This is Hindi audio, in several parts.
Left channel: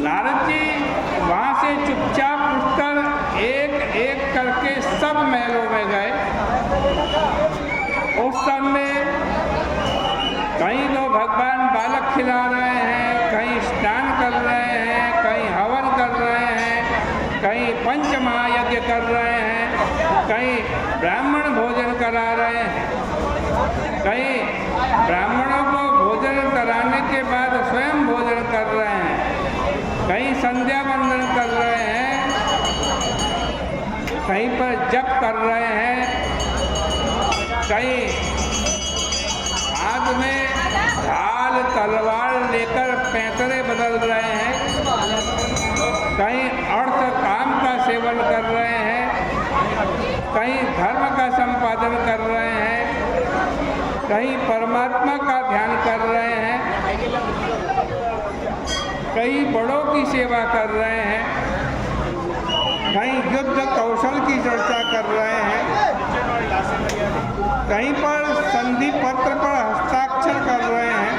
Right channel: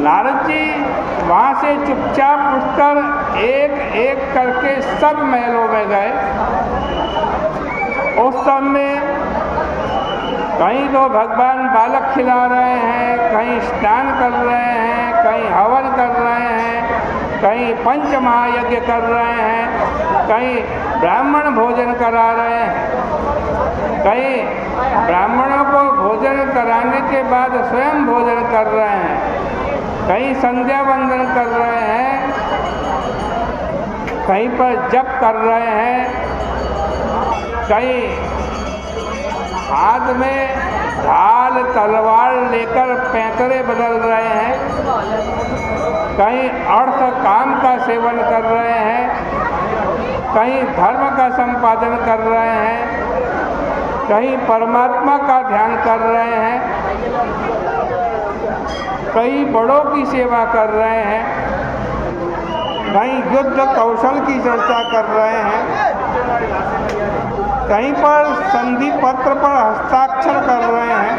नारद जी वहाँ से चुपचाप उठकर एक एक करके सब महलों में गए। उस समय कहीं तो भगवान बालक खिला रहे हैं, कहीं स्नान कर रहे हैं, कहीं हवन कर रहे हैं, कहीं पंच महायज्ञ कर रहे हैं, कहीं ब्राह्मण भोजन करा रहे हैं, कहीं ब्राह्मणों को भोजन कराने के बाद स्वयं भोजन कर रहे हैं, कहीं संध्या वंदन कर रहे हैं, कहीं पर जप कर रहे हैं, कहीं हाथ में ढाल तलवार लेकर पैंतरे बदल रहे हैं, कहीं अर्थ काम का सेवन कर रहे हैं, कहीं धर्म का संपादन कर रहे हैं, कहीं परमात्मा का ध्यान कर रहे हैं, कहीं बड़ों की सेवा कर रहे हैं, कहीं युद्ध कौशल की चर्चा कर रहे हैं, कहीं पर संधि पत्र पर हस्ताक्षर कर रहे हैं,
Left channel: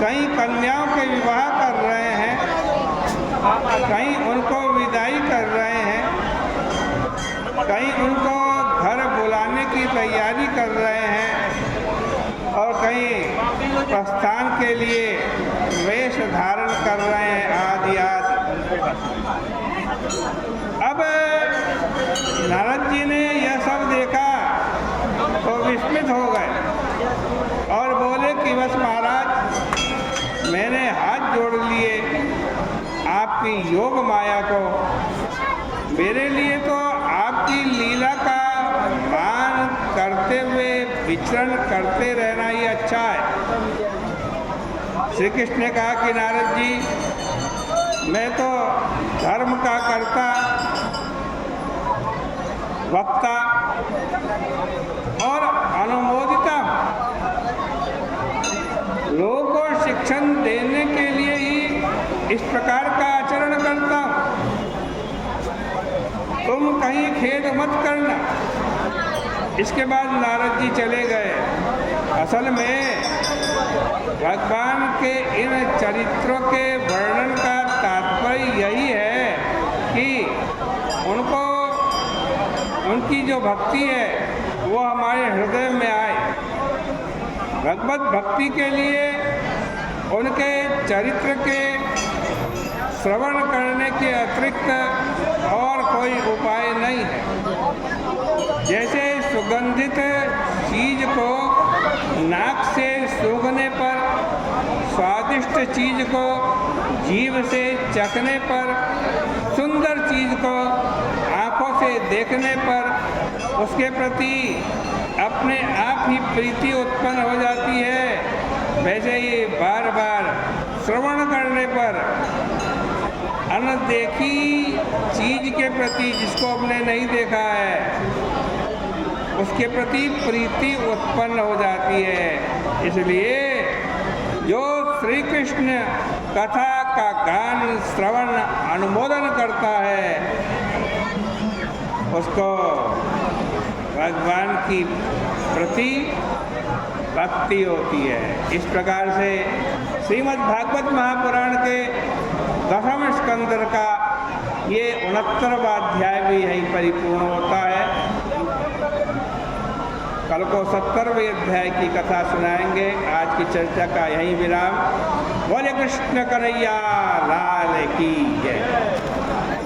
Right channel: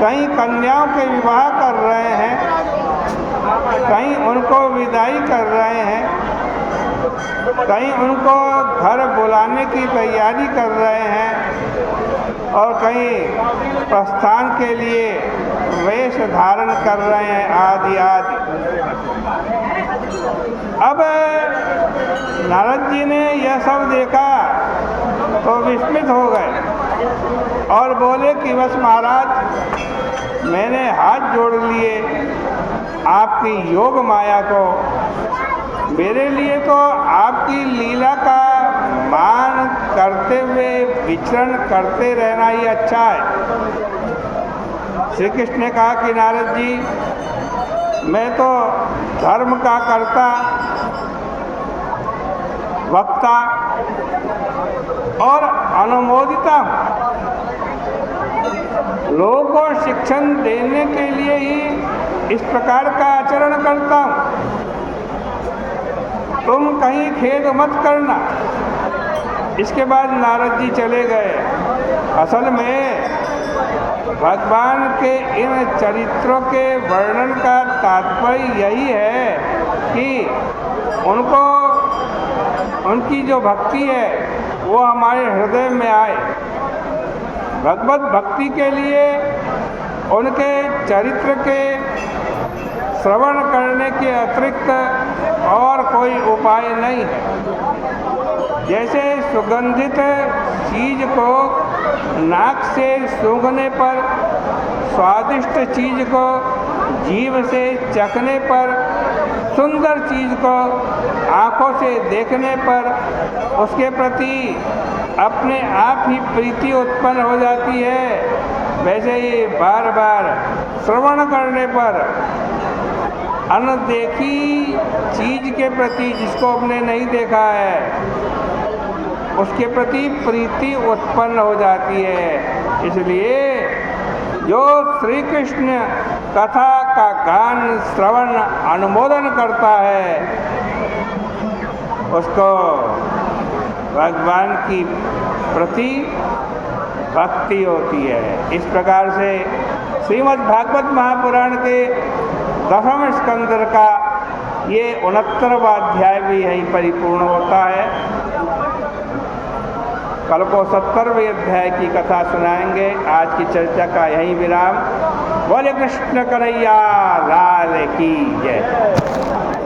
कहीं कन्याओं के विवाह कर रहे हैं, कहीं उनको विदाई कर रहे हैं, कहीं उनको घर बुलाने की तैयारी कर रहे हैं और कहीं प्रस्थान के लिए वेश धारण कर रहे हैं आदि आदि। अब नारद जी ने यह सब देखा तो विस्मित हो गए और बोले कि बस महाराज, मैंने हाथ जोड़ लिए आपकी योग माया को। मेरे लिए तो आपकी लीला का मान करते हुए विचरण करते रहना ही अच्छा है। श्री कृष्ण ने कहा कि नारद जी, मैं तो धर्म का कर्ता, वक्ता और अनुमोदिता हूँ। लोगों को शिक्षण देने के लिए ही इस प्रकार का आचरण करता हूँ। तुम कहीं खेद मत करना। इसके बाद नारद जी चले गए। असल में भगवान के इन चरित्रों के वर्णन का तात्पर्य यही है कि उनको, उनकी जो भक्ति है वो हमारे हृदय में आए। भगवत भक्ति के लिए उनके चरित्र के श्रवण करने के अतिरिक्त और कोई उपाय नहीं है। जैसे सुगंधित चीज को नाक से सूंघने पर, स्वादिष्ट चीज को जीभ से चखने पर, सुंदर चीज को आँखों से देखने पर उसके प्रति अपने आप ही प्रीति उत्पन्न हो जाती है, वैसे ही बार बार श्रवण करने पर अनदेखी चीज के प्रति, जिसको हमने नहीं देखा है, उसके प्रति प्रीति उत्पन्न हो जाती है। इसलिए जो श्री कृष्ण कथा का गान श्रवण अनुमोदन करता है उसको भगवान की प्रति भक्ति होती है। इस प्रकार से श्रीमद् भागवत महापुराण के 10वें स्कंद का ये 69वां अध्याय भी यही परिपूर्ण होता है। कल को 70वें अध्याय की कथा सुनाएंगे। आज की चर्चा का यही विराम। बोले कृष्ण कन्हैया लाल की जय।